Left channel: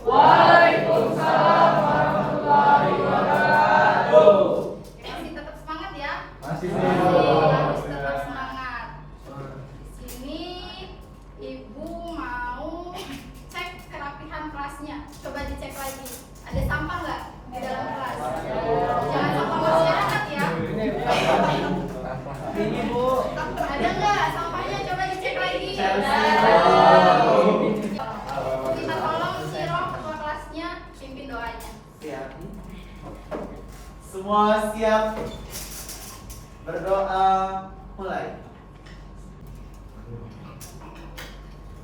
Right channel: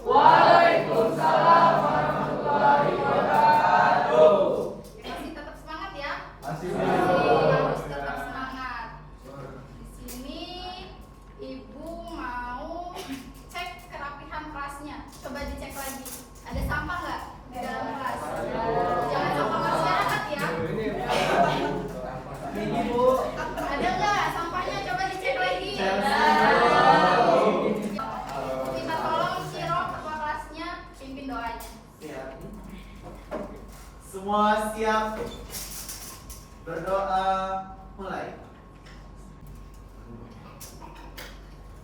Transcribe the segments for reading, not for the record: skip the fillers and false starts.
Waalaikumsalam warahmatullahi wabarakatuh. Masih tetap semangat ya? Masih. Harus tetap semangat. Di sini Ibu mau cek kerapihan kelasnya. Coba dicek lagi. Ada sampah nggak di dalam kelas? Jangan sampah masyarakat ya. Ini Bu. Ada nggak sampahnya? Coba dicek lagi. Kita tolong si Roh ketua kelasnya pimpin doanya. Siap. Semua siap berdoa, mulai.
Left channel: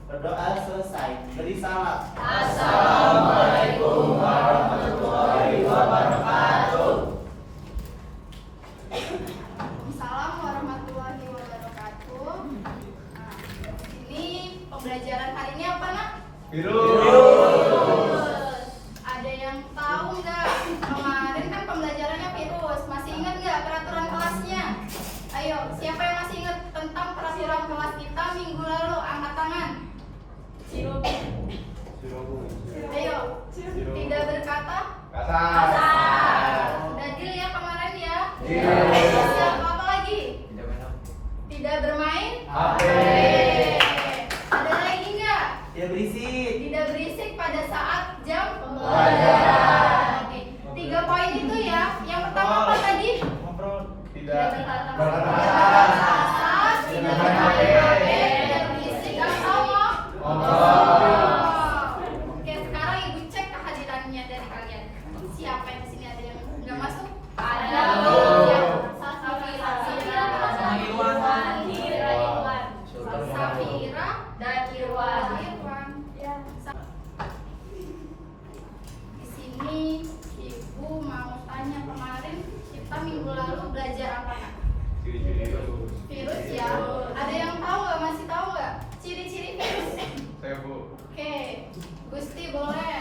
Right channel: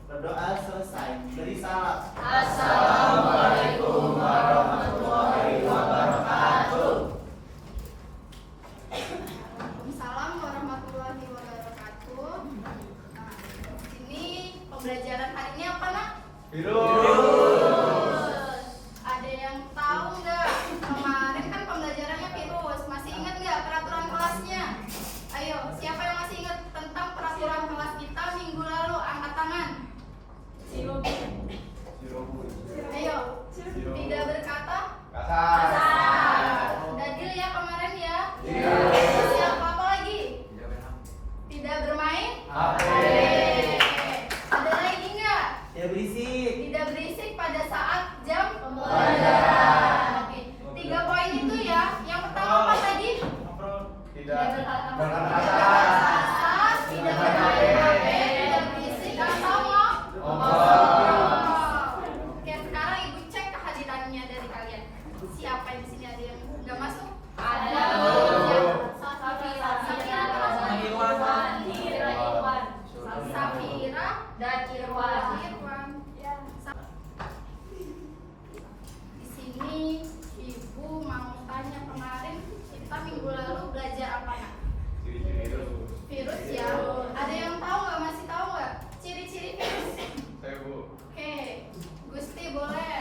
Berdoa selesai, beri salam. Assalamualaikum warahmatullahi wabarakatuh. Assalamualaikum warahmatullahi wabarakatuh. Nah, ini pembelajaran hari ini apa, Nak? Virus. Ada yang tahu nggak? Kemarin kan pembelajarannya virus. Masih ingat nggak peraturan kelasnya? Ayo, siapa yang masih ingat tentang peraturan kelas kita minggu lalu? Angkat tangan. Ayo, tidak berkata kasar. Udah deal ya kemarin ya? Siap, apa lagi? Tidak bermain? HP. Ada lagi nggak? Ya berisik. Tidak berisik pada saat jam pelajaran. Oke, 3 poin itu ya. Yang pertama apa tadi? Tidak Berkata-kata, tidak bermain HP, tidak berisik, atau ngomong. Oke, sekarang Ibu cek kehadirannya dari kalian. Siapa yang di sini ada yang nggak masuk? Ada. Ya. Safira dan Irwan. Di sini Ibu mau tanya, kemarin kita minggu lalu belajar apa, Nak? Virus ya. Ada yang tahu nggak? Masih tahu nggak ciri-ciri virus? Saya Bu. Oke, Gusti boleh.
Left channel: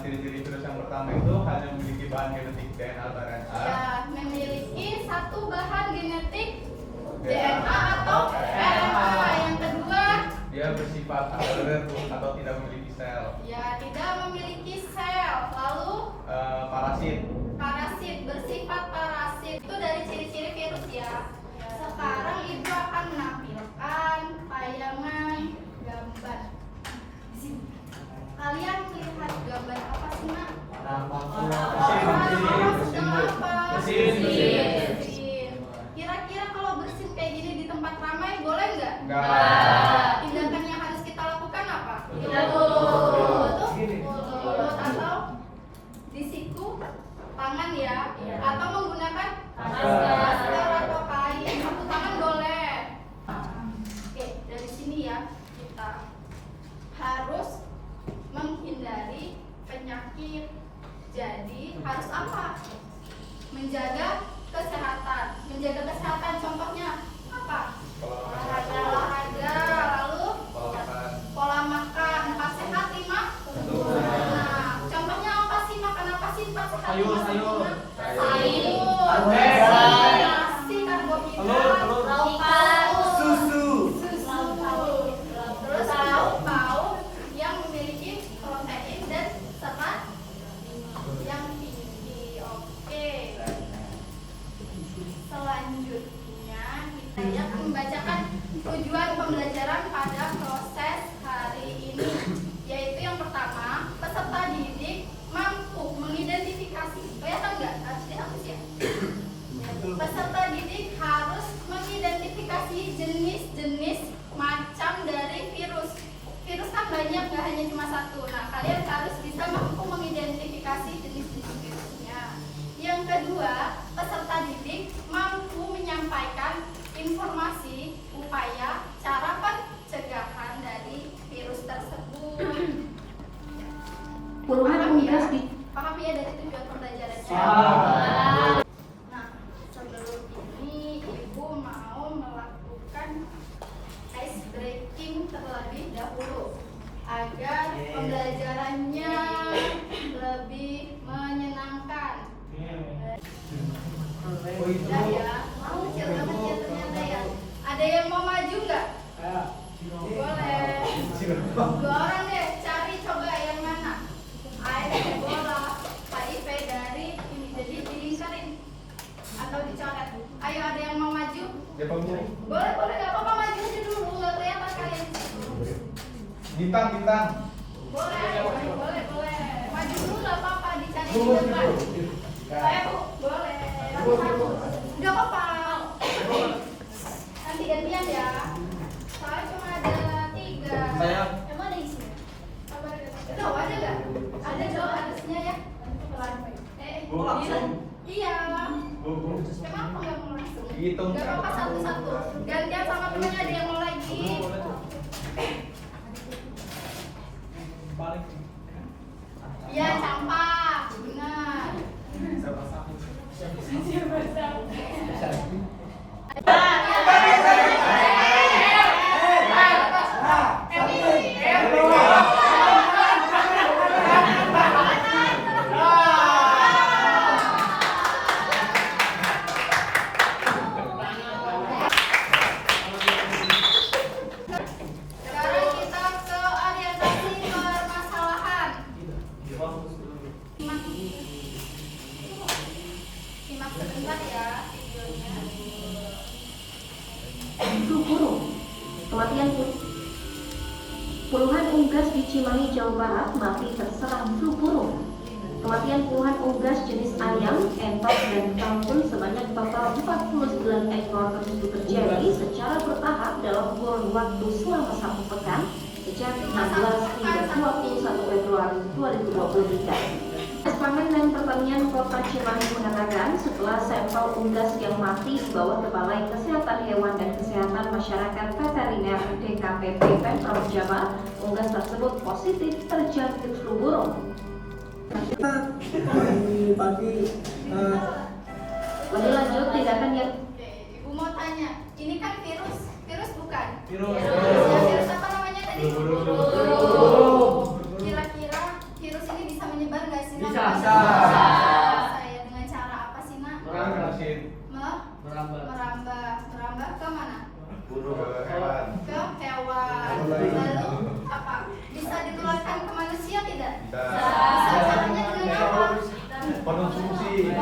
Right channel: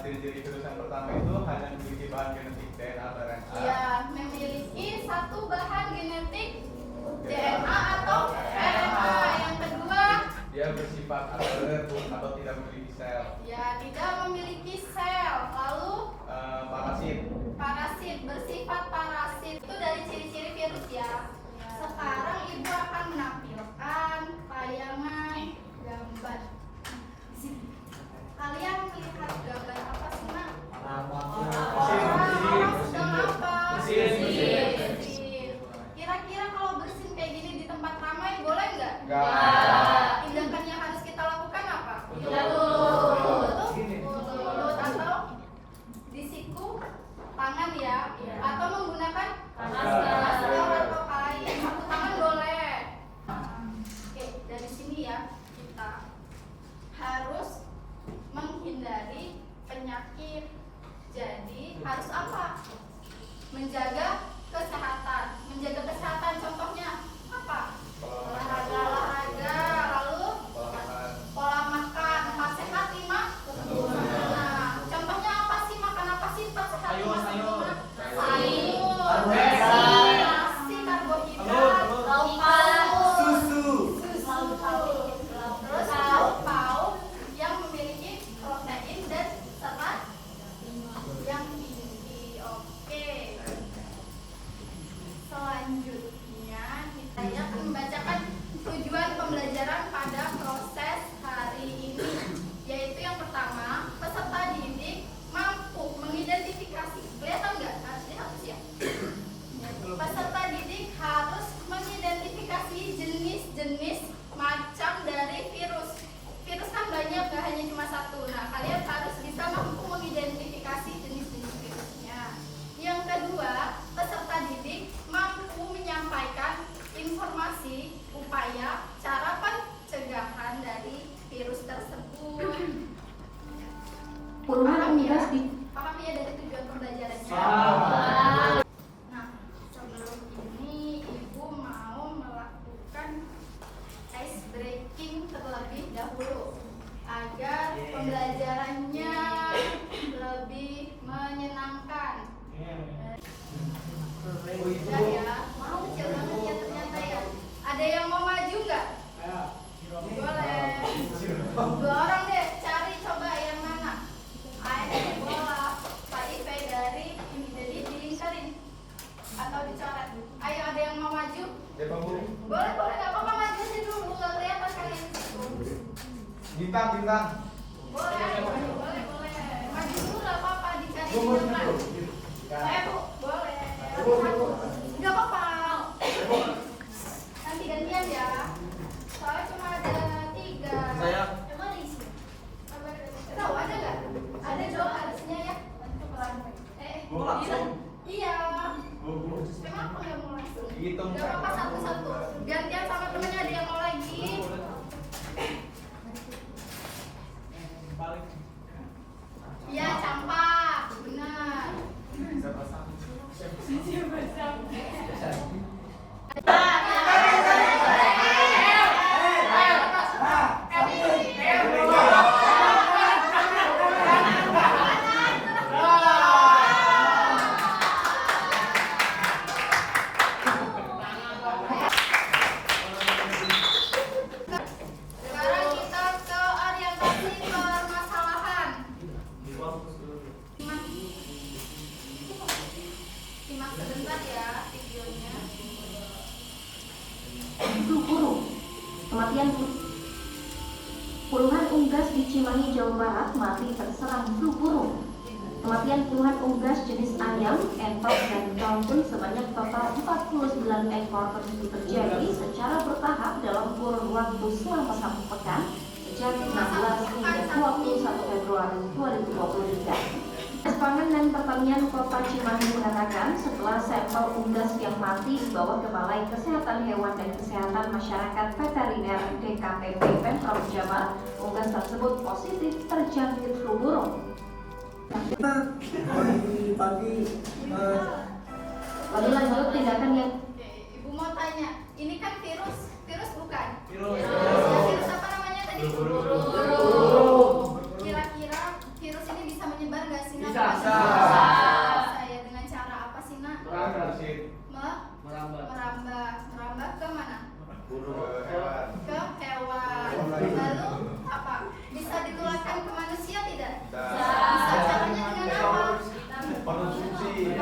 Ciri-ciri virus yang pertama itu hanya memiliki bahan genetik DNA atau RNA. Ya, memiliki satu bahan genetik DNA atau RNA. Yang kedua, Dia bersifat aerob atau tidak memiliki sel. ya tidak memiliki sel. Lalu Parasit. parasit, bersifat parasit. Itu dari ciri-ciri virus ya. Sekarang Ibu akan menampilkan tayangan gambar. Di sini. Kalian melihat gambar apa sih, Nak? Orang sedang apa? Bersin. Kira-kira kalau bersin kayak gini di tempat ramai boleh nggak? Enggak. Tindakan yang harus kita lakukan apa? Lutut. Lutut atau disiku tangan ya? Atau menggunakan masker atau kain. Sapu tangan boleh. Oke, dari sini ya kita harus menghindari penyakit. Jadi harus apa? Menjaga kesehatan. Menjaga kesehatan contohnya apa? Olahraga, lalu pola makan. 4 sehat 5 sempurna. Contohnya apa sih? Makan apa sih 4 sehat 5 sempurna? Sayur, nasi, karbohidrat, Susu. terus lauk pauk yang memiliki protein dan serat yang tinggi. Oke. Selanjutnya kita akan membacakan tujuan pembelajaran pada proses hari ini, yaitu yang pertama, peserta didik mampu mengidentifikasi. Kelihatan nggak? Harus dihapus ya. Peserta didik harus mengidentifikasi jenis-jenis macam dari virus. Virus kan banyak, nggak hanya cuma satu. Nah, kalian harus bisa mampu mengidentifikasi jenis-jenis virusnya. Yang kedua, peserta didik mampu menyampaikan informasi, upaya, cara pencegahan dari virus tersebut. Paham ya? Paham ya dari tujuan pembelajarannya? Nah, sebelum ini Ibu mau melakukan ice breaking terlebih dahulu agar pembelajarannya lebih menyenangkan. Udah ya, mau kecil banget ya ternyata ya. Ada yang mau maju nggak? Boleh. 2 orang deh, cari coba yang mana. Siapa Bu? Boleh, boleh, nggak apa-apa, maju aja dulu. Kelihatan kalian di situ. Bintang, bintang. Boleh, boleh, boleh. Maju dulu nggak apa-apa, dicari Bu, di depan. Bu. Saya Bu, boleh. Nggak apa-apa. Nanti gantian ya. Soalnya cuma ada 3. Saya. Emang ada isi? Tahu ada nggak? Ada dong harusnya ya. Bu, langsung. Iya. Bu. Kenapa nggak mau langsung? Hitung. Nggak apa-apa, satu-satu. Gantian sama temennya, ada yang mau lagi. Iya, campak. Benar. Sekarang kita ke orientasi permasalahan. Simak sebentar ya videonya. Flu burung. Kematian puluhan unggas di Cimahi, Jawa Barat mati terserang flu burung. Kematian puluhan unggas jenis ayam, entok, dan kalkun sebanyak total 49 ekor tersebut terjadi secara bertahap dalam kurun waktu selama 1 pekan sejak 16 hingga 21 Februari 2023. Pangan dan Pertanian Kota Cimahi mengatakan setelah sampel unggas yang mati dibawa ke Balai Kesehatan Hewan dan Kesehatan Masyarakat Veteriner DKPP Pemprov Jabar, unggas tersebut positif terjangkit flu burung. Lalu lanjut tindakan yang Oke, Ibu mau tanya, ini kan virus bukan? Virus. Virus apa namanya tadi? Burung. Kira-kira virus ini bisa menyebar nggak sih? Nak? Bisa. Saya dengan cara apa sih nak? Merambah. Merambah ke mana? Ke hewan. Ke hewan. Lalu apa? Bisa ditularkan ke manusia tidak? Bisa. Caranya dengan apa? Konsumsi.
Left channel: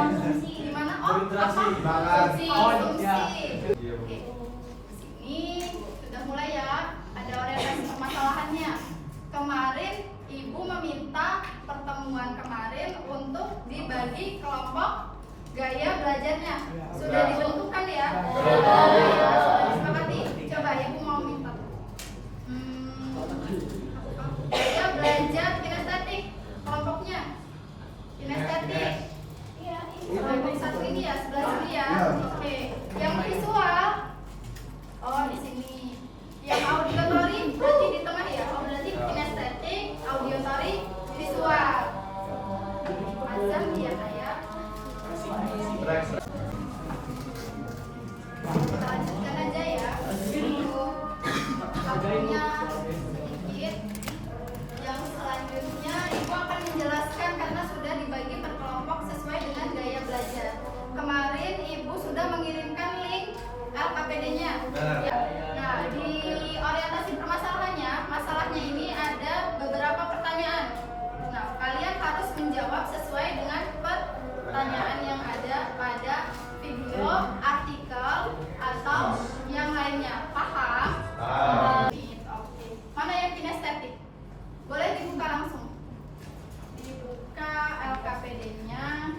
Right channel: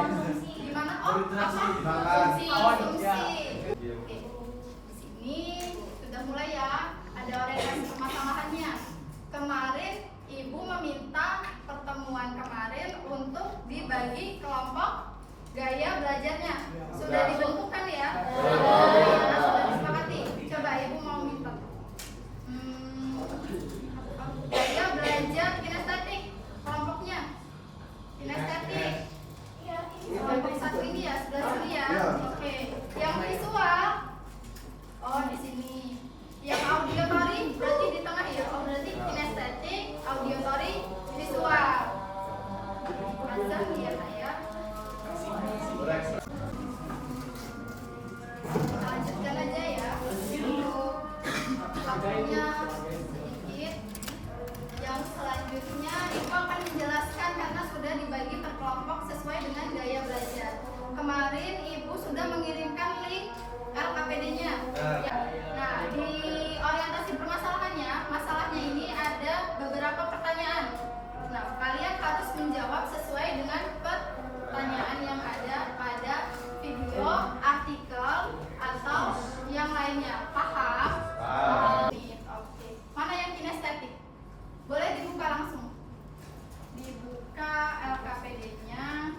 Di mana? Oh, apa? Makan. Konsumsi. Oke. Sini sudah mulai ya. Ada orientasi permasalahannya. Kemarin Ibu meminta pertemuan kemarin untuk dibagi kelompok gaya belajarnya. Sudah ditentukan ya? Sudah disepakati. Coba Ibu mau minta. Gaya belajar kinestetik kelompoknya. Kinestetik. Kelompok 1 ini ya, sebelah sini ya. Oke. Yang visual. Oh, di sini. Yang auditory berarti di tengah ya. Oh, berarti kinestetik, auditory, visual. Azam ya, ya. Kita lanjutkan aja ya. Untuk waktunya sedikit. Yang selanjutnya Ibu akan menjelaskan karena sudah dibagi per kelompok sesuai dengan gaya belajar. Kemarin Ibu sudah mengirimkan link LKPD-nya. Ya. Nah, di orientasi permasalahannya, masalahnya ini ada beberapa pertanyaan. Nah, kalian harus menjawab sesuai dengan pertanyaan yang ada pada video, artikel, atau yang lainnya. Paham? Oke. Mana yang kinestetik? Boleh dibuka langsung. Dibuka LKPD-nya.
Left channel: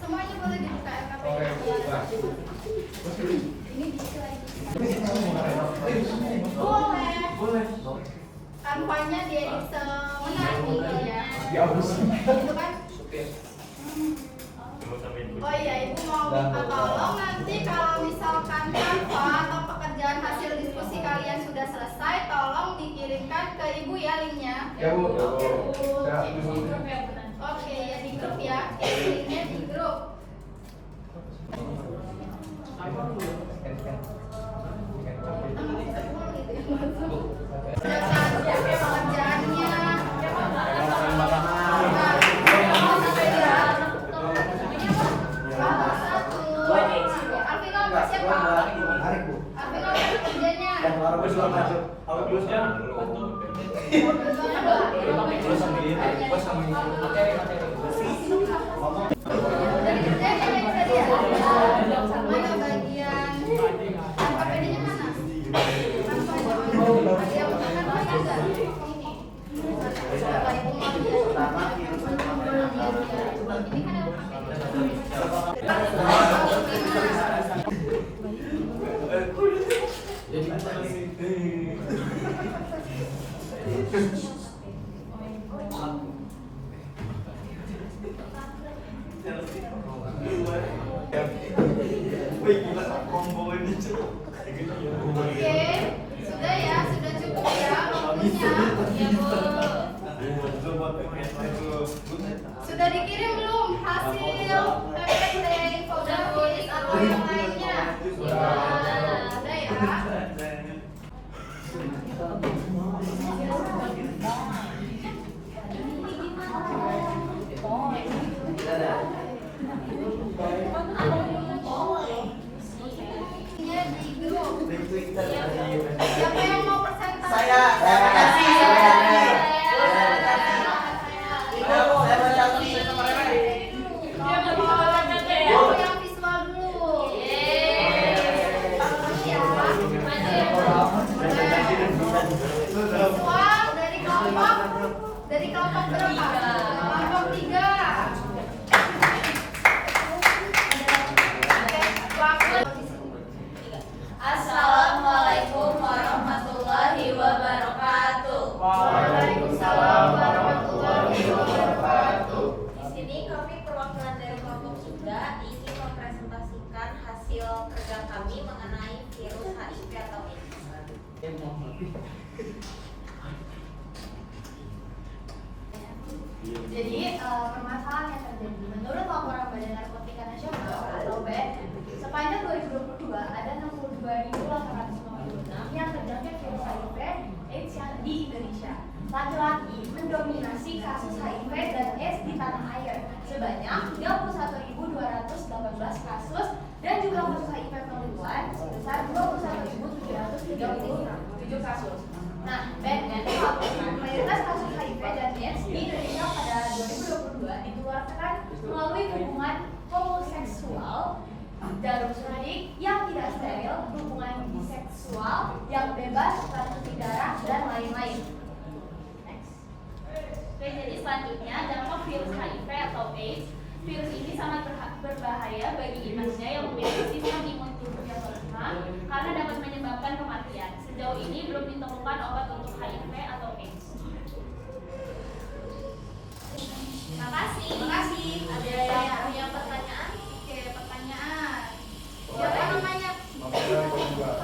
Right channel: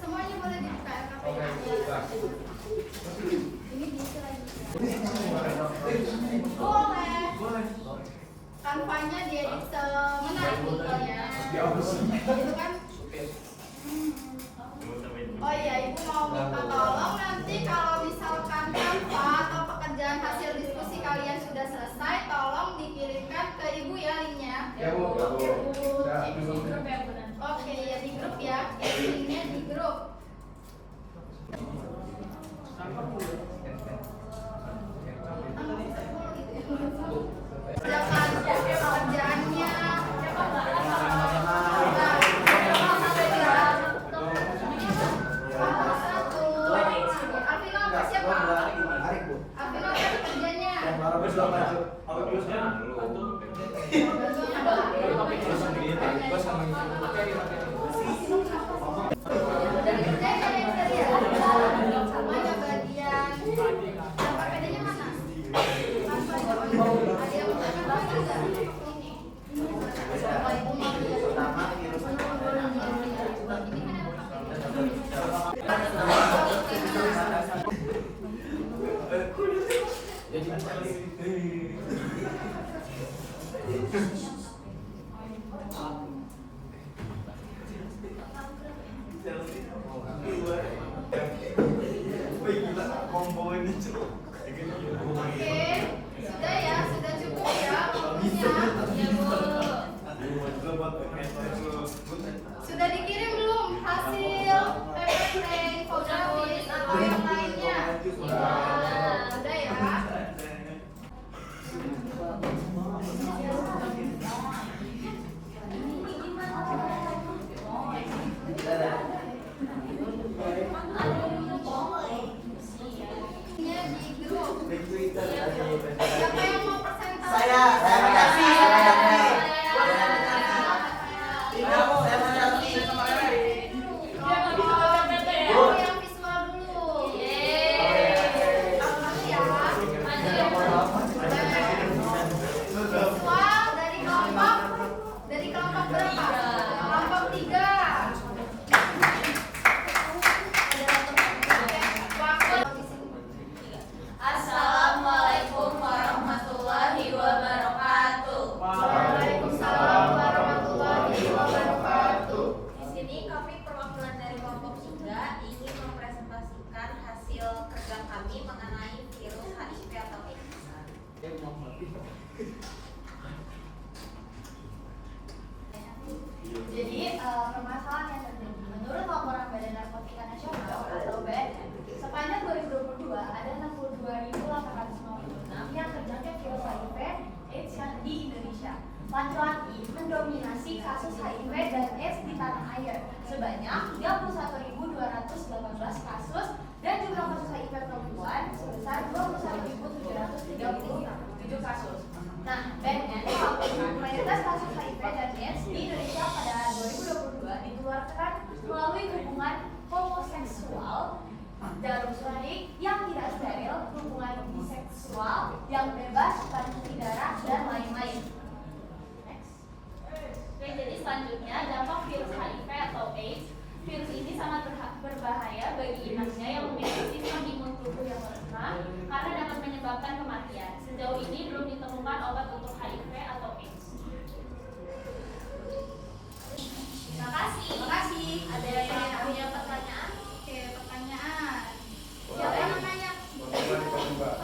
Semuanya boleh dibuka LKPD-nya. Ini bisa lagi. Boleh. Kanvanya diedit semenarik mungkin ya. Itu kan? Oh iya, Ibu mau minta tolong nanti kalau misalkan Canva atau pekerjaan hasil diskusi kalian sudah selesai, tolong dikirimkan ke Ibu ya linknya. Ya Bu. Oke, ya di grup ya. Linknya di grup. Pekerjaannya. Materi. Oke, sudah ya, sudah cukup ya waktunya. Sudah dikirim belum hasil PPT infografis atau yang lainnya? Sudah ya. Di grup. Siapa yang mau presentasi? Saya Yang visual dulu. Visual dari kelompok berapa? Kelompok 3. Assalamualaikum warahmatullahi wabarakatuh. Waalaikumsalam warahmatullahi wabarakatuh. Di sini kami perwakilan dari kelompok 3 ingin mempresentasikan hasil kerja kami mengenai virus HIV atau AIDS. Jadi permasalahan yang terjadi menurut laporan Badan Narkotika Nasional atau BNN sepanjang 2022 ada 62.856 yang terjangkit virus HIV AIDS yang di Indonesia. Laki-laki mendominasi kasus HIV dan AIDS di tanah air sebanyak 31.218 kasus dan jumlah kasus HIV perempuan sebesar 21.737 kasus. Nah, BNN melaporkan mayoritas kasus HIV dan AIDS di Indonesia pada 2022 ditularkan melalui hubungan homoseksual dalam suntik yang tidak steril, hubungan biseksual yang bebas, transfusi darah, dan lain-lain. Next. Oke, jadi selanjutnya dampak virus HIV atau AIDS. Virus ini sangat berbahaya bagi inaknya yang memiliki sistem imun tubuh yang lemah karena dapat menyebabkan kematian. Sejauh ini belum ditemukan obat untuk HIV atau AIDS. Terima kasih. Ada yang punya pertanyaan? Oke, pertanyaan. Siapa yang namanya?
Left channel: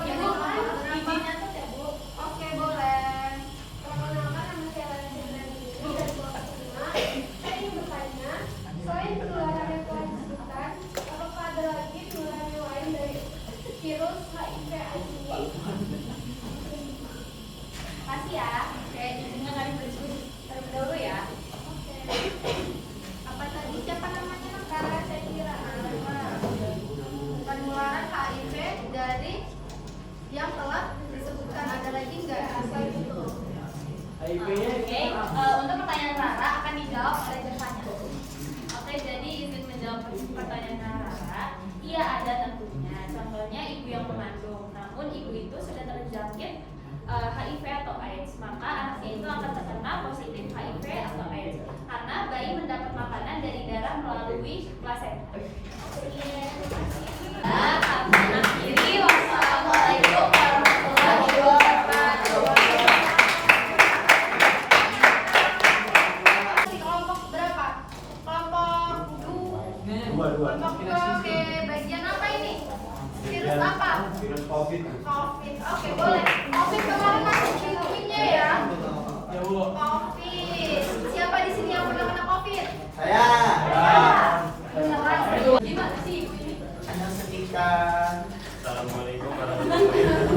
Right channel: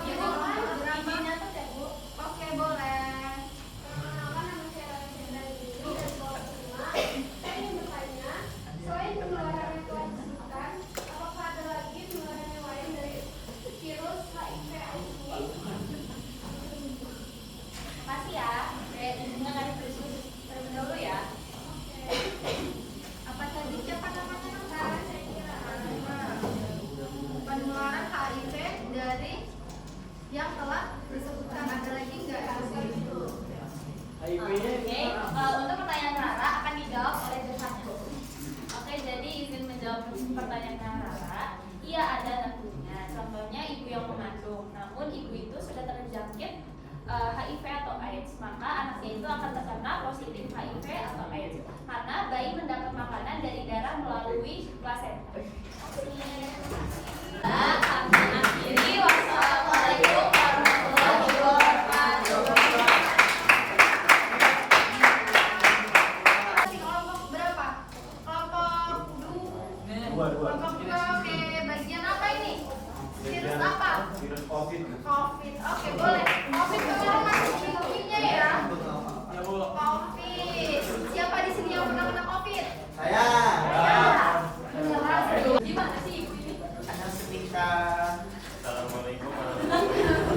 Ya, Bu. Namanya tuh ya, Bu. Oke, boleh. Perkenalkan, nama saya Raja dari dari kelompok 5. Saya ingin bertanya, selain penularan yang telah disebutkan, apakah ada lagi penularan yang lain dari virus HIV/AIDS ini? Makasih ya. Oke, izinnya kalian berdiskusi terlebih dahulu ya. Apa tadi siapa namanya? Karena saya kira Penularan HIV dari yang telah disebutkan, ada lagi nggak? Oke, untuk pertanyaan Rara akan dijawab oleh Jevanya. Oke, jadi izin menjawab pertanyaan Rara. Iya, ada tentunya. Contohnya ibu yang mengandung, namun ibu itu sudah terjangkit HIV atau AIDS, maka anaknya itu akan terkena positif HIV atau AIDS karena bayi mendapat makanan dari darah melalui plasenta. Kami akhiri. Wassalamualaikum warahmatullahi wabarakatuh. Di kelompok berapa? Kelompok 2. Kelompok 2. Oke, bagian apa ini? Virus apa? Virus COVID. COVID. Oke, boleh. COVID kemarin masih pintunya ya. Ya, Bu. COVID. Siapa di sini yang pernah kena COVID? Saya. Gimana sih ibu ini? Hanya setika. Assalamualaikum warahmatullahi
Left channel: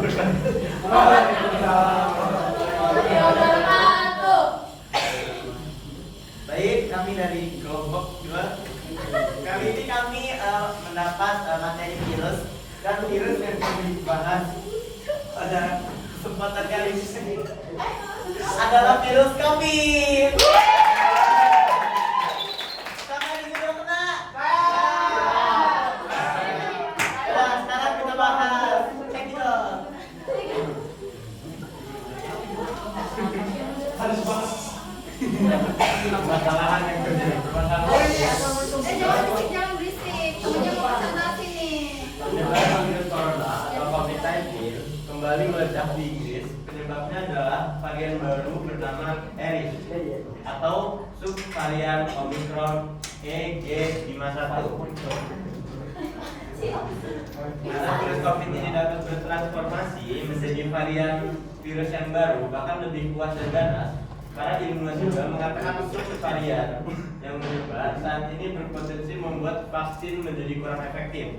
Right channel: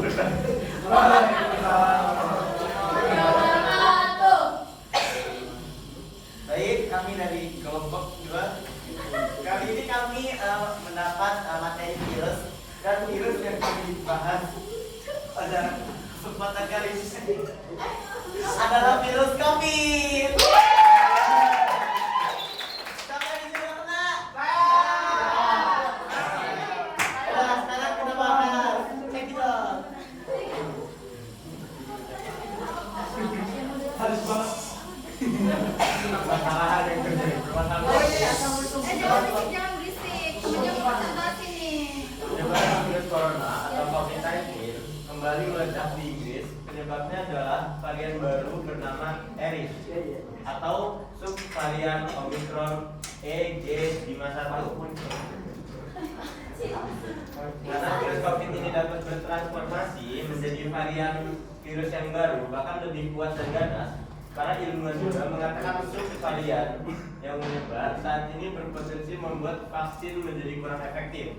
Baik, kami dari kelompok 2. Kali ini kami mendapat materi virus dan virus yang kami bahas pada kesempatan kali ini adalah virus COVID. Siapa yang sudah kena? Nah, sekarang kita bahas. Cek dong. Harus banget. Kesalahan yang terjadi. Jangan berisik, jangan berisik. Temennya mau presentasi nih. Penyebaran virus corona atau COVID-19 kembali kembali meledak di Inggris. Penyebabnya adalah varian baru bernama Eris atau subvarian Omicron EG51. Karena virus COVID ini dapat bertransformasi menjadi varian virus yang baru, bahkan lebih kuat dan ganas. Para ilmuwan juga mengatakan subvarian yang menyebar saat ini berpotensi membuat vaksin menjadi kurang efektif.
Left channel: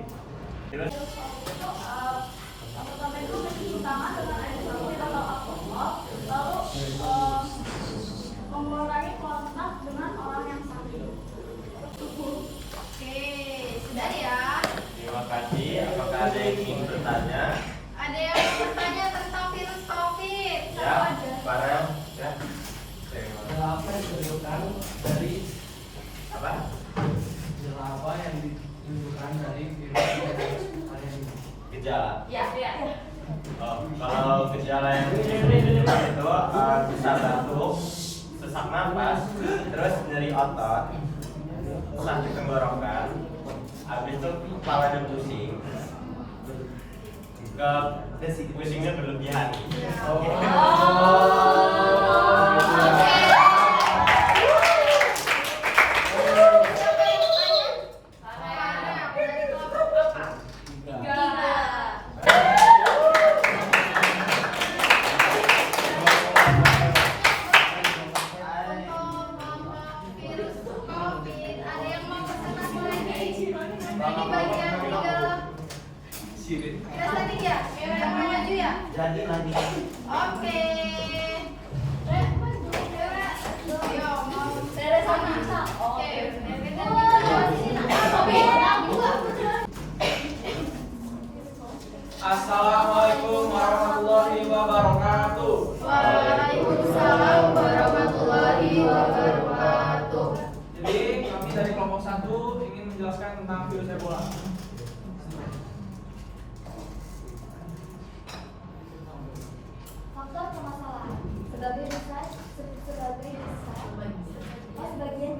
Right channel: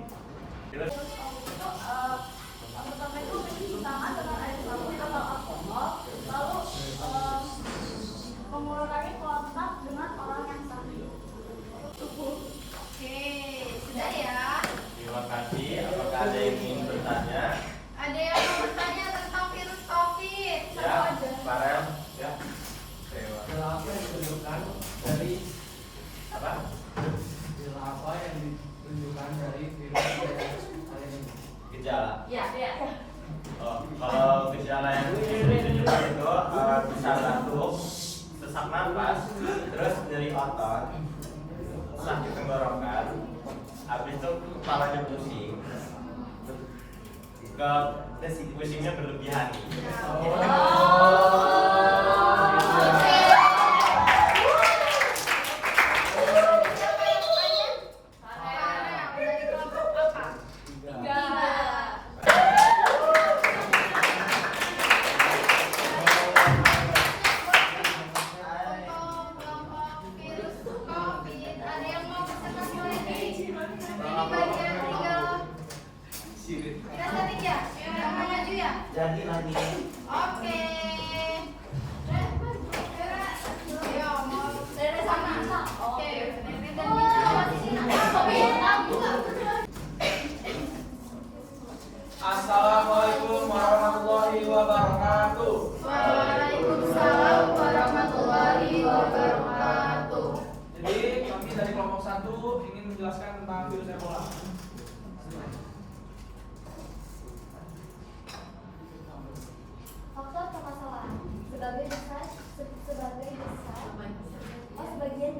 Pertama itu mencuci tangan dengan air sabun atau alkohol, lalu mengurangi kontak dengan orang yang sakit. Oke, sudah ya. Terima kasih. Apakah ada yang ingin bertanya? Ada yang mau bertanya tentang virus COVID? Ya, para ya. Apa yang ditunjukkan dari Apa? apa yang ditunjukkan dari virus varian ini? Gejala. Ya, ya. Oh, kalau gejala yang ditunjukkan itu bisa batuk, sesak napas, terus nyeri otot, sakit tenggorokan, habis itu kepalanya pusing, pusingnya berlebihan. Jadi lagi. Oke. Ayo, mau dari sana. Oke. Assalamualaikum warahmatullahi wabarakatuh. Waalaikumsalam warahmatullahi wabarakatuh. Jadi kami dari kelompok 1 ingin menjelaskan tentang virus Ebola. Faktor permasalahan sebagai besar sebagian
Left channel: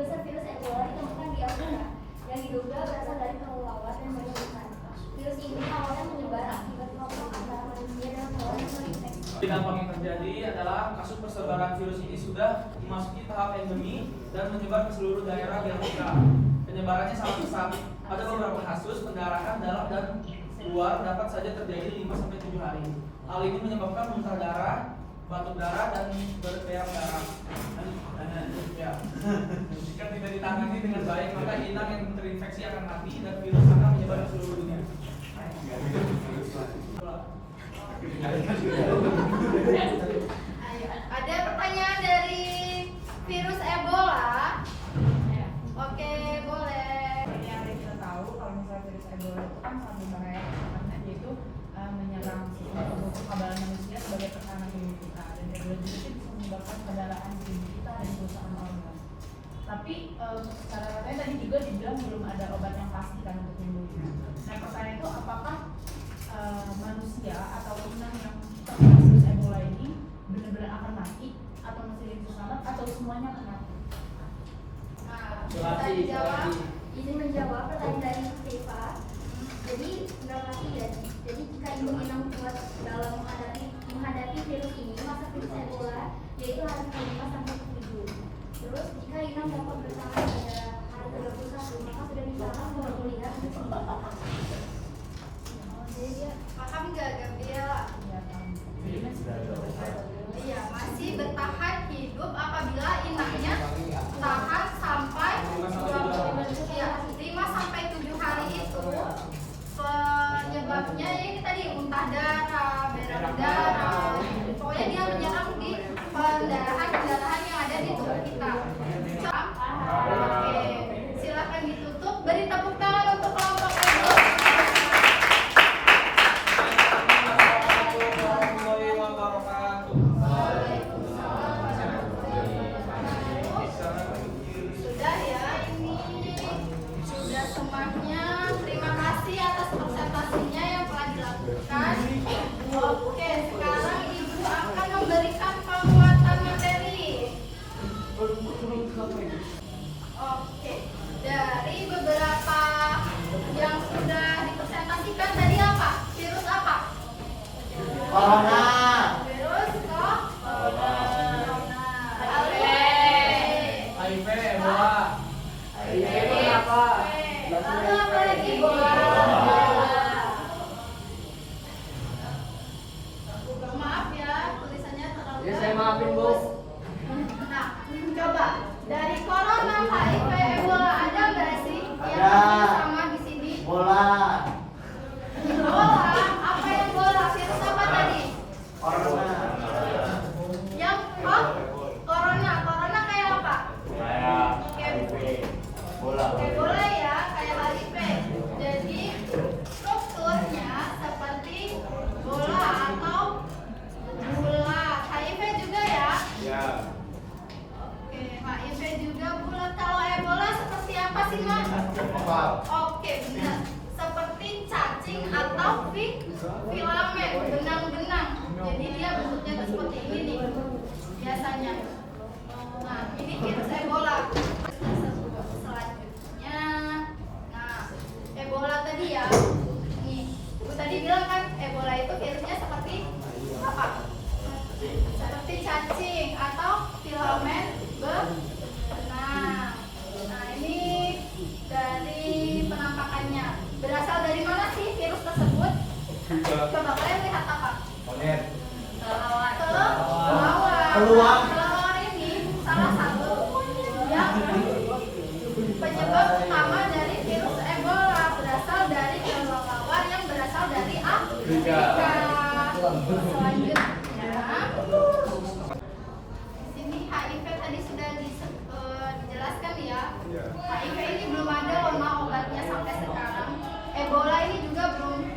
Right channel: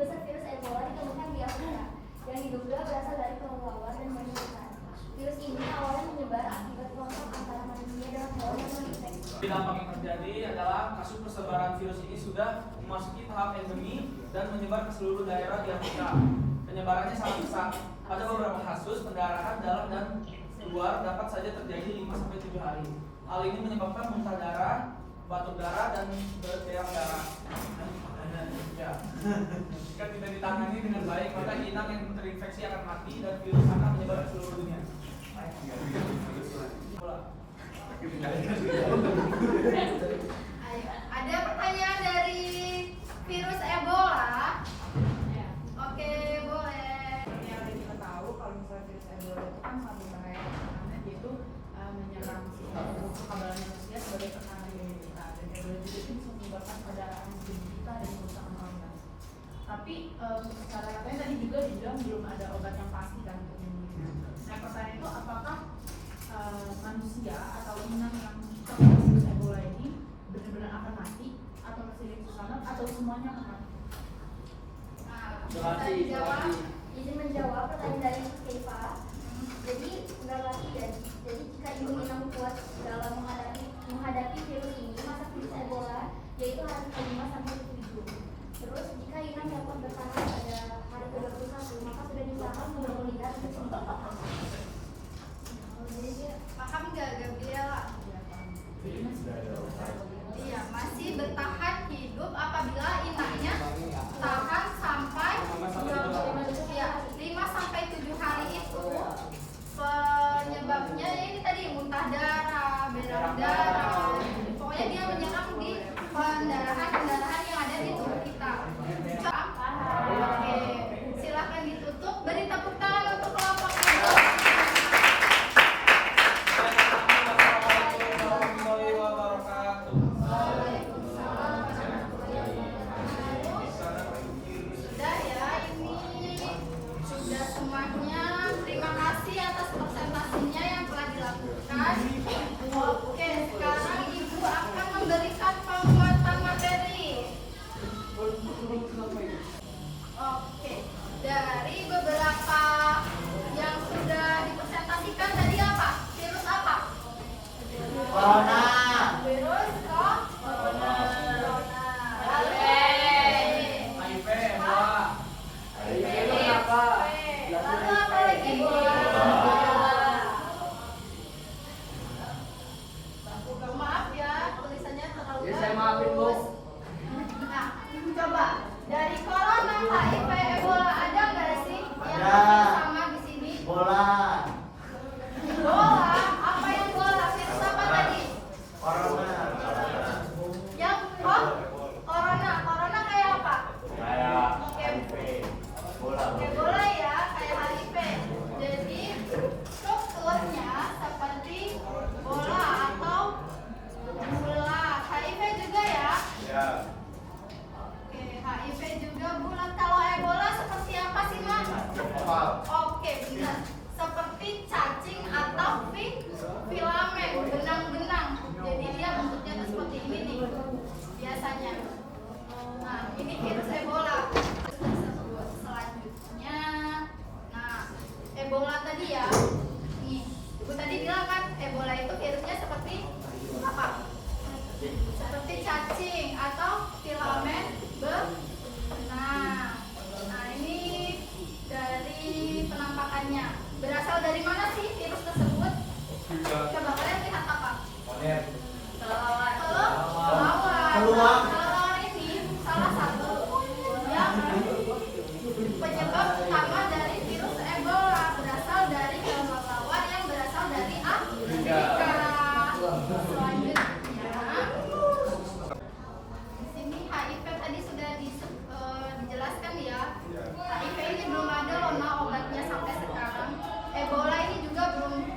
besar virus Ebola ditemukan di Afrika yang diduga berasal dari pengeluaran dan penyusutan. Virus ini awalnya menyebar akibat kelompok antara manusia dan hewan yang terinfeksi. Dampak yang terjadi adalah kasus persebaran virus ini sudah memasuki tahap endemi dan menyebar ke seluruh daerah di Afrika. Penyebarannya sangat pesat. Pada beberapa kasus pendarahan dalam dan luar dapat saja terjadi 5-7 hari. Hal ini menyebabkan muntah darah, batuk darah, dan berteriak darah. Ya. Jika tidak ditangani dengan baik, maka inang yang terinfeksi akan mati dan virus akan menyebar ke seluruh dunia. Ayo, ada pertanyaan dari virus Ebola? Oke, boleh. Yang kita tahu kalau misalnya virus Ebola itu kan sebenarnya karena dia itu menyerang sistem kekebalan manusia sebagai tekanan imunitas dan Ebola juga itu bisa menyebabkan pendarahan di tubuh kita dan kerusakan organ. Tapi secara katanya tadi juga dibilang belum ada obat yang pasti kan untuk menyembuhkan. Nah pertanyaan itu apakah manusia atau inang yang terkena virus Ebola ini benar-benar akan mati atau masih selamat atau semuanya akan mati? Nah, bisa dijawab. Izin menjawab pertanyaan dari Steva. Jadi nggak mati ya. Jadi jika imun inang kuat dalam menghadapi virus ini, maka virus Ebola yaitu hari ke-5 sampai ke-7. Terus jika inang dapat bertahan pada hari ke-21, maka sudah disarankan pemulihan kesembuhan. Paham nggak, Gabriela? Iya, masih bertahan hidup apabila inangnya tahan sampai 5-7 hari itu. Penyebabnya ya ini tadi muntah darah, berak darah. Pokoknya dia menyerang di pendarahan yang ada di tubuh kita. Oke, silakan ditutup, beri tepuk tangan. Corona. Virus corona. HIV, Ebola. HIV itu apa? Lalu apa lagi? Maaf ya, tulisannya terlalu Ya, saya maafin, Bu. bagus. Nah, coba dari corona, HIV, Ebola ada nggak sih yang Ada. sama di sini? Bola. Bola, apa yang bola? Virus apa tadi? Corona. Yang corona. Corona kayak apa? Kayak HIV. Bola. Kayak bola ya, kayak HIV. Jadi strukturnya seperti bola atau bulat. HIV juga ya. Ya. Oke, HIV juga bulat. Kalau Ebola seperti apa sih, Mas? Oval. Oke, benar. Seperti cacing atau filamen, benang-benang. Jadi dia bentuknya tuh seperti ini nih, biasanya. Nah, ini virus Ebola. Selanjutnya, nah, Ebola tadi ya. Nih, Ibu tadi bilang kan Ebola itu virusnya seperti apa? Seperti cacing atau filamen benang. Nah, ini dari penampakannya. Berasal dari mana sih virus tersebut? Coba kalian lihat apa? Oner. Kelelawar. Keluar. Kelelawar ini salah satu yang penyebab utama dari virus Ebola. Berasal dari kelelawar yang berasal dari Afrika. Selanjutnya, di sini HIV tadi sudah dijelaskan ya. HIV ini belum ada loh Mak, obatnya sampai sekarang. Ebola ini juga belum.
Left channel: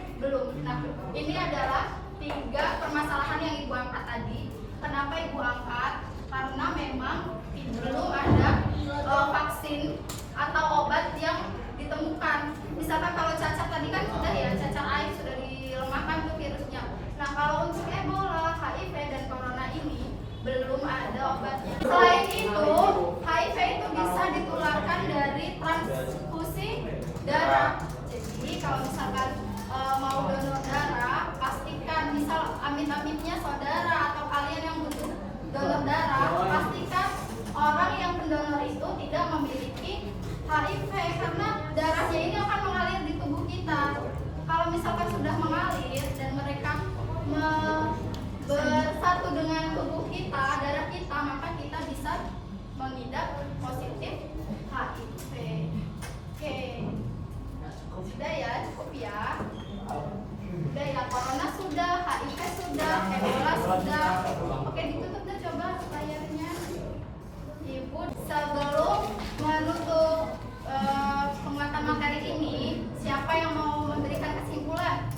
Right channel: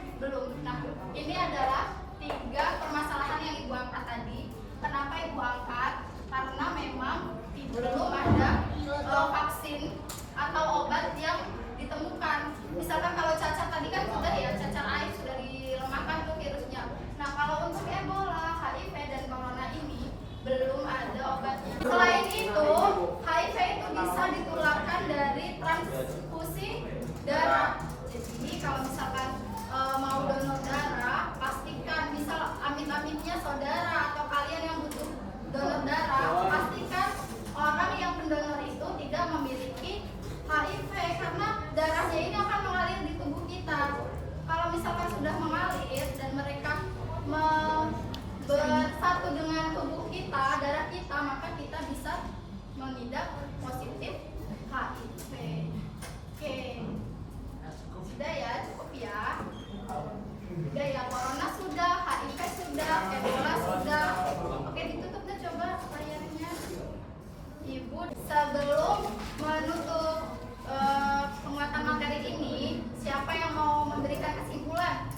Nah, ini adalah 3 permasalahan yang Ibu angkat tadi. Kenapa Ibu angkat? Karena memang belum ada vaksin atau obat yang ditemukan. Misalkan kalau cacar tadi kan sudah ya, cacar air sudah dilemahkan tuh virusnya. Nah, kalau untuk Ebola, HIV dan corona ini belum ada obatnya. Selain itu, HIV itu bisa ditularkan dari transfusi darah. Jadi kalau misalkan mau donor darah, pastikan misal amit-amitnya saudara atau kalian yang butuh donor darah, pastikan orang yang pendonor itu tidak memiliki HIV karena darahnya ini akan mengalir di tubuh kita. Kalau misalkan sudah mengalir dan mereka bersatu dengan tubuh kita, darah kita, maka kita bisa mengidap positif HIV. Oke, sudah ya, cukup ya. Udah ya, corona sudah, HIV sudah, Ebola sudah. Oke, ditutup deh coba layarnya. Ibu, sebelum menutup penguatan materi ini, siapa yang mau memberikan kesimpulan?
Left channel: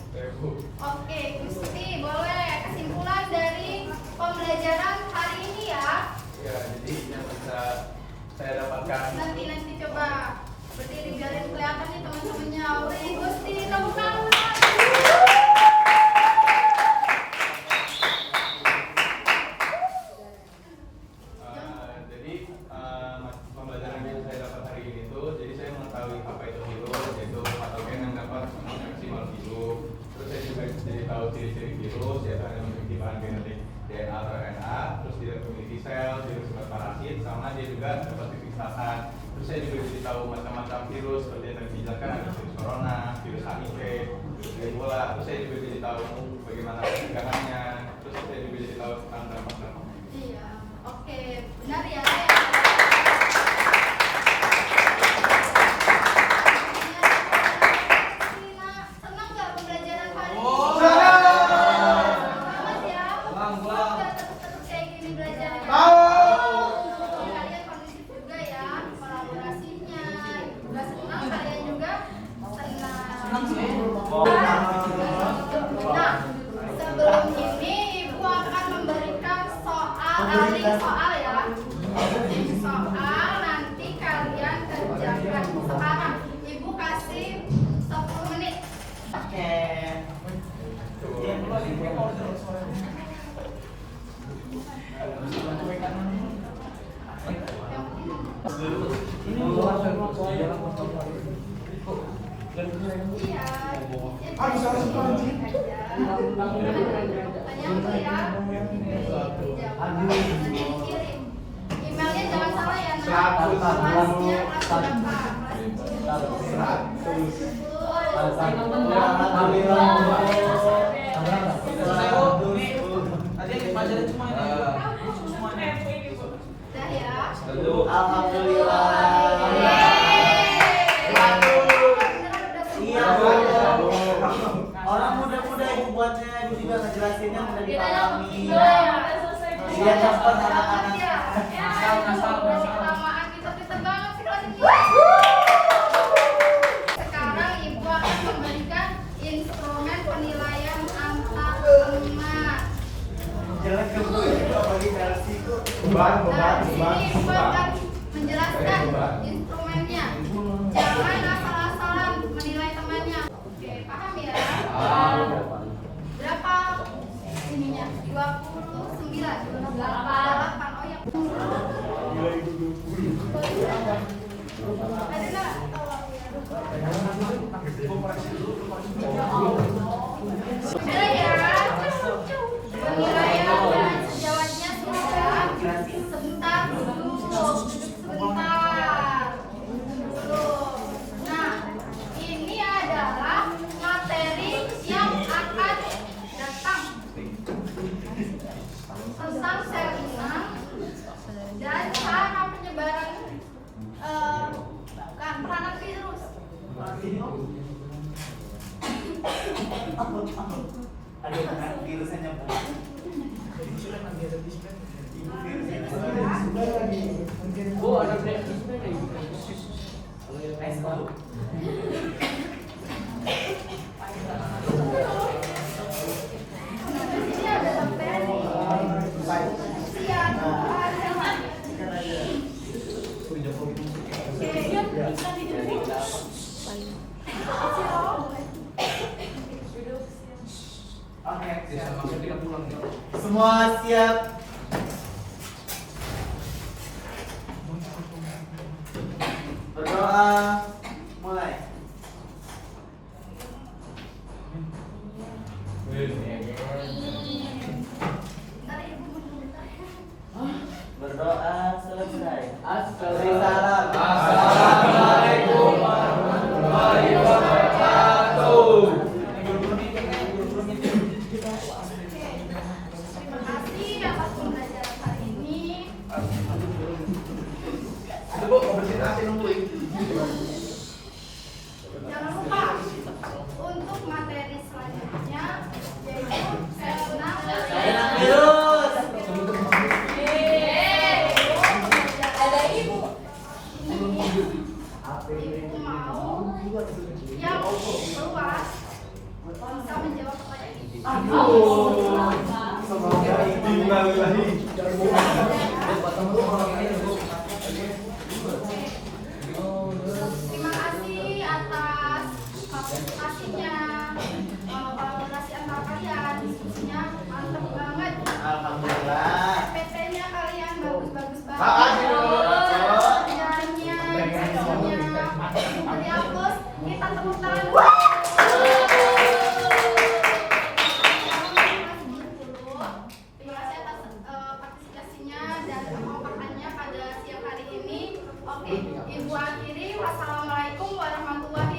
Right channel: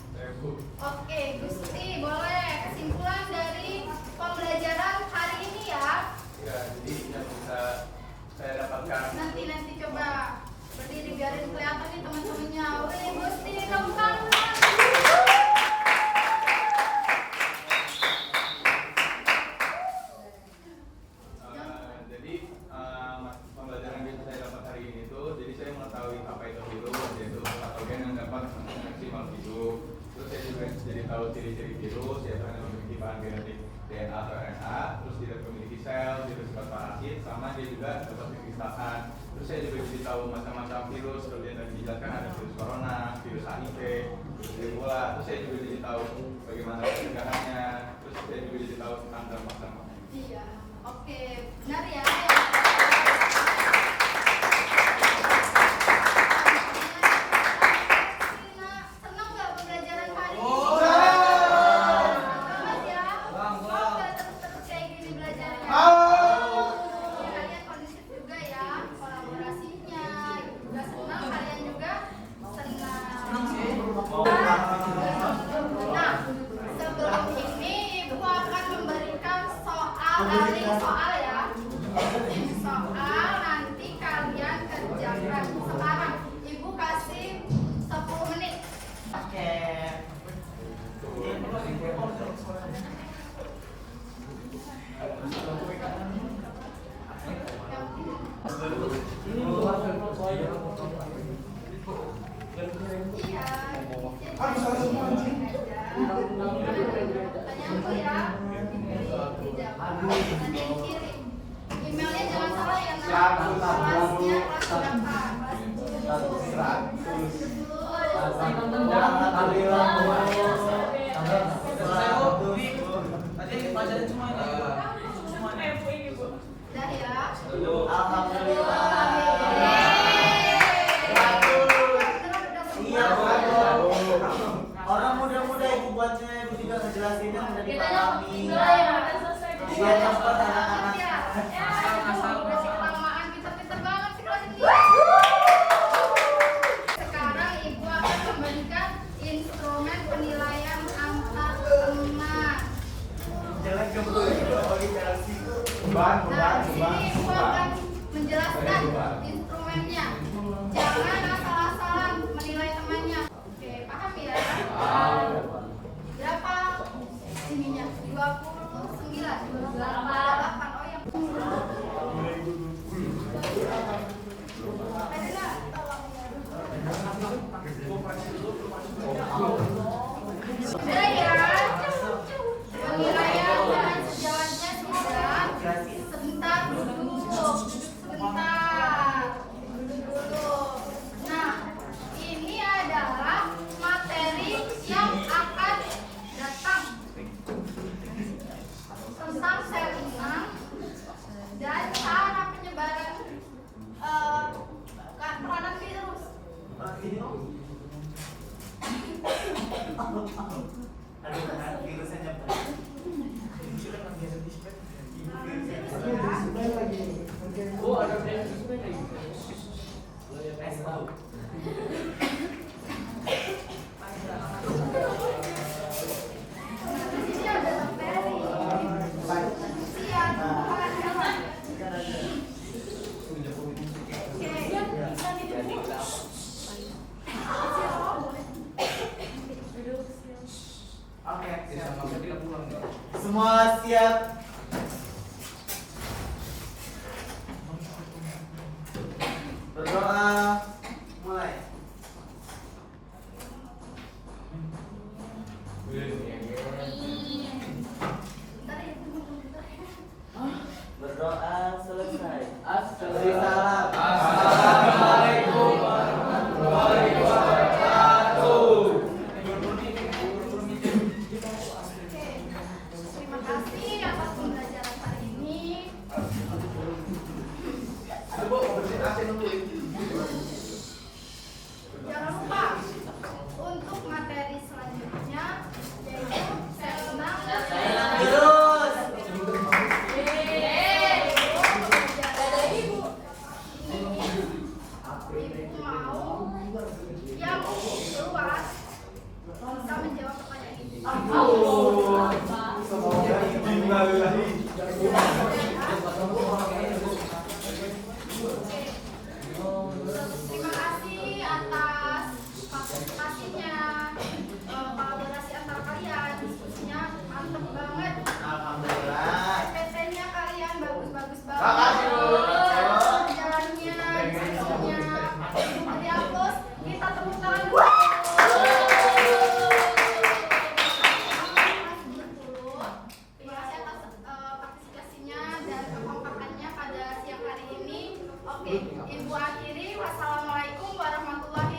Oke, Gusti, boleh kesimpulan dari pembelajaran hari ini ya? Ya, jadi yang bisa saya dapatkan Nanti coba berdiri biarin kelihatan nih teman-temannya. Wih, Gusti, tepuk tangan. jadi pembelajaran yang saya dapat hari ini itu, jadi saya mengetahui apa itu virus, yaitu patogen yang dapat menginfeksi makhluk hidup. Terus saya juga jadi tahu ciri-ciri virus, yaitu hanya memiliki bahan genetik DNA atau RNA, terus tidak memiliki sel, tidak bersifat parasit, sama dia juga dapat dipisahkan. Terus saya juga jadi tahu macam-macam virus, seperti yang tadi dijelaskan ada virus corona, virus HIV, virus Ebola. Terus saya juga jadi tahu bagaimana pencegahannya. Terus saya juga jadi tahu tentang dampak-dampak. Iya, oke, benar ya. Senang nggak pembelajaran hari ini? Selamat ya. Semoga terus kayak gini belajarnya. Kalian kondusif juga ya, kolaborasinya. Juga senang, kalian juga senang. Nah, sebelum ini Ibu akan memberikan link soal ya. Link soal nanti kalian kerjakan. Sekarang Ibu kasih 10 menit. Oke. Iya. dulu ya. Dijawab. Nanti dikirim. Emailnya jangan salah ya, nah. Kelasnya kelas berapa? Nanti pelajarin semua ini. Semuanya. Udah ya. Alhamdulillah. Iya, orang muda-muda ibu buatnya ibu juga ngejelasinnya udah dipahami. Biar cepat anak-anak. Masih kelamaan, pintar-pintar banget sih kelas ini. Sekarang ibu akan memberikan instrumen penilaian angka emas. Jelek kebun itu apalagi versi itu. Nah, di sini ibu akan menjelaskan instrumennya. Jangan asal-asalan menilai temannya. Oke, paham ya? Berapa ininya? 29, 28. Oh yang ada nggak? Ada ya? Penilaian dan sejawatnya sudah. Sebentar dulu, sebentar dulu. Nah, ini adalah materi yang akan datang tentang salinan dan cara penyebaran peranan virus. Aduh, kena virusnya nyebar. Oh, ada virus. Ini ada bakteri. Siap, pelajaran. Oke, semua siap. Berdoa mulai. Berdoa selesai. Assalamualaikum. Assalamualaikum warahmatullahi wabarakatuh. Terima kasih atas pembelajaran hari ini. Jangan lupa untuk materi selanjutnya yaitu salinan Terus. Ibu mau yang luas bisa menjawab pertanyaan ini. Semoga ibu Terima kasih atas partisipasinya, kolaborasi antara kalian, diskusinya mantep banget. Alhamdulillah. PT-nya kalian bagus-bagus banget. Makasih, Bu. Pelajarannya, diskusinya. Dari Apus, kita tepuk tangan dulu. Terima kasih atas partisipasinya dan kekompakannya pada siang hari ini. Oke, Ibu akhiri. Wassalamualaikum warahmatullahi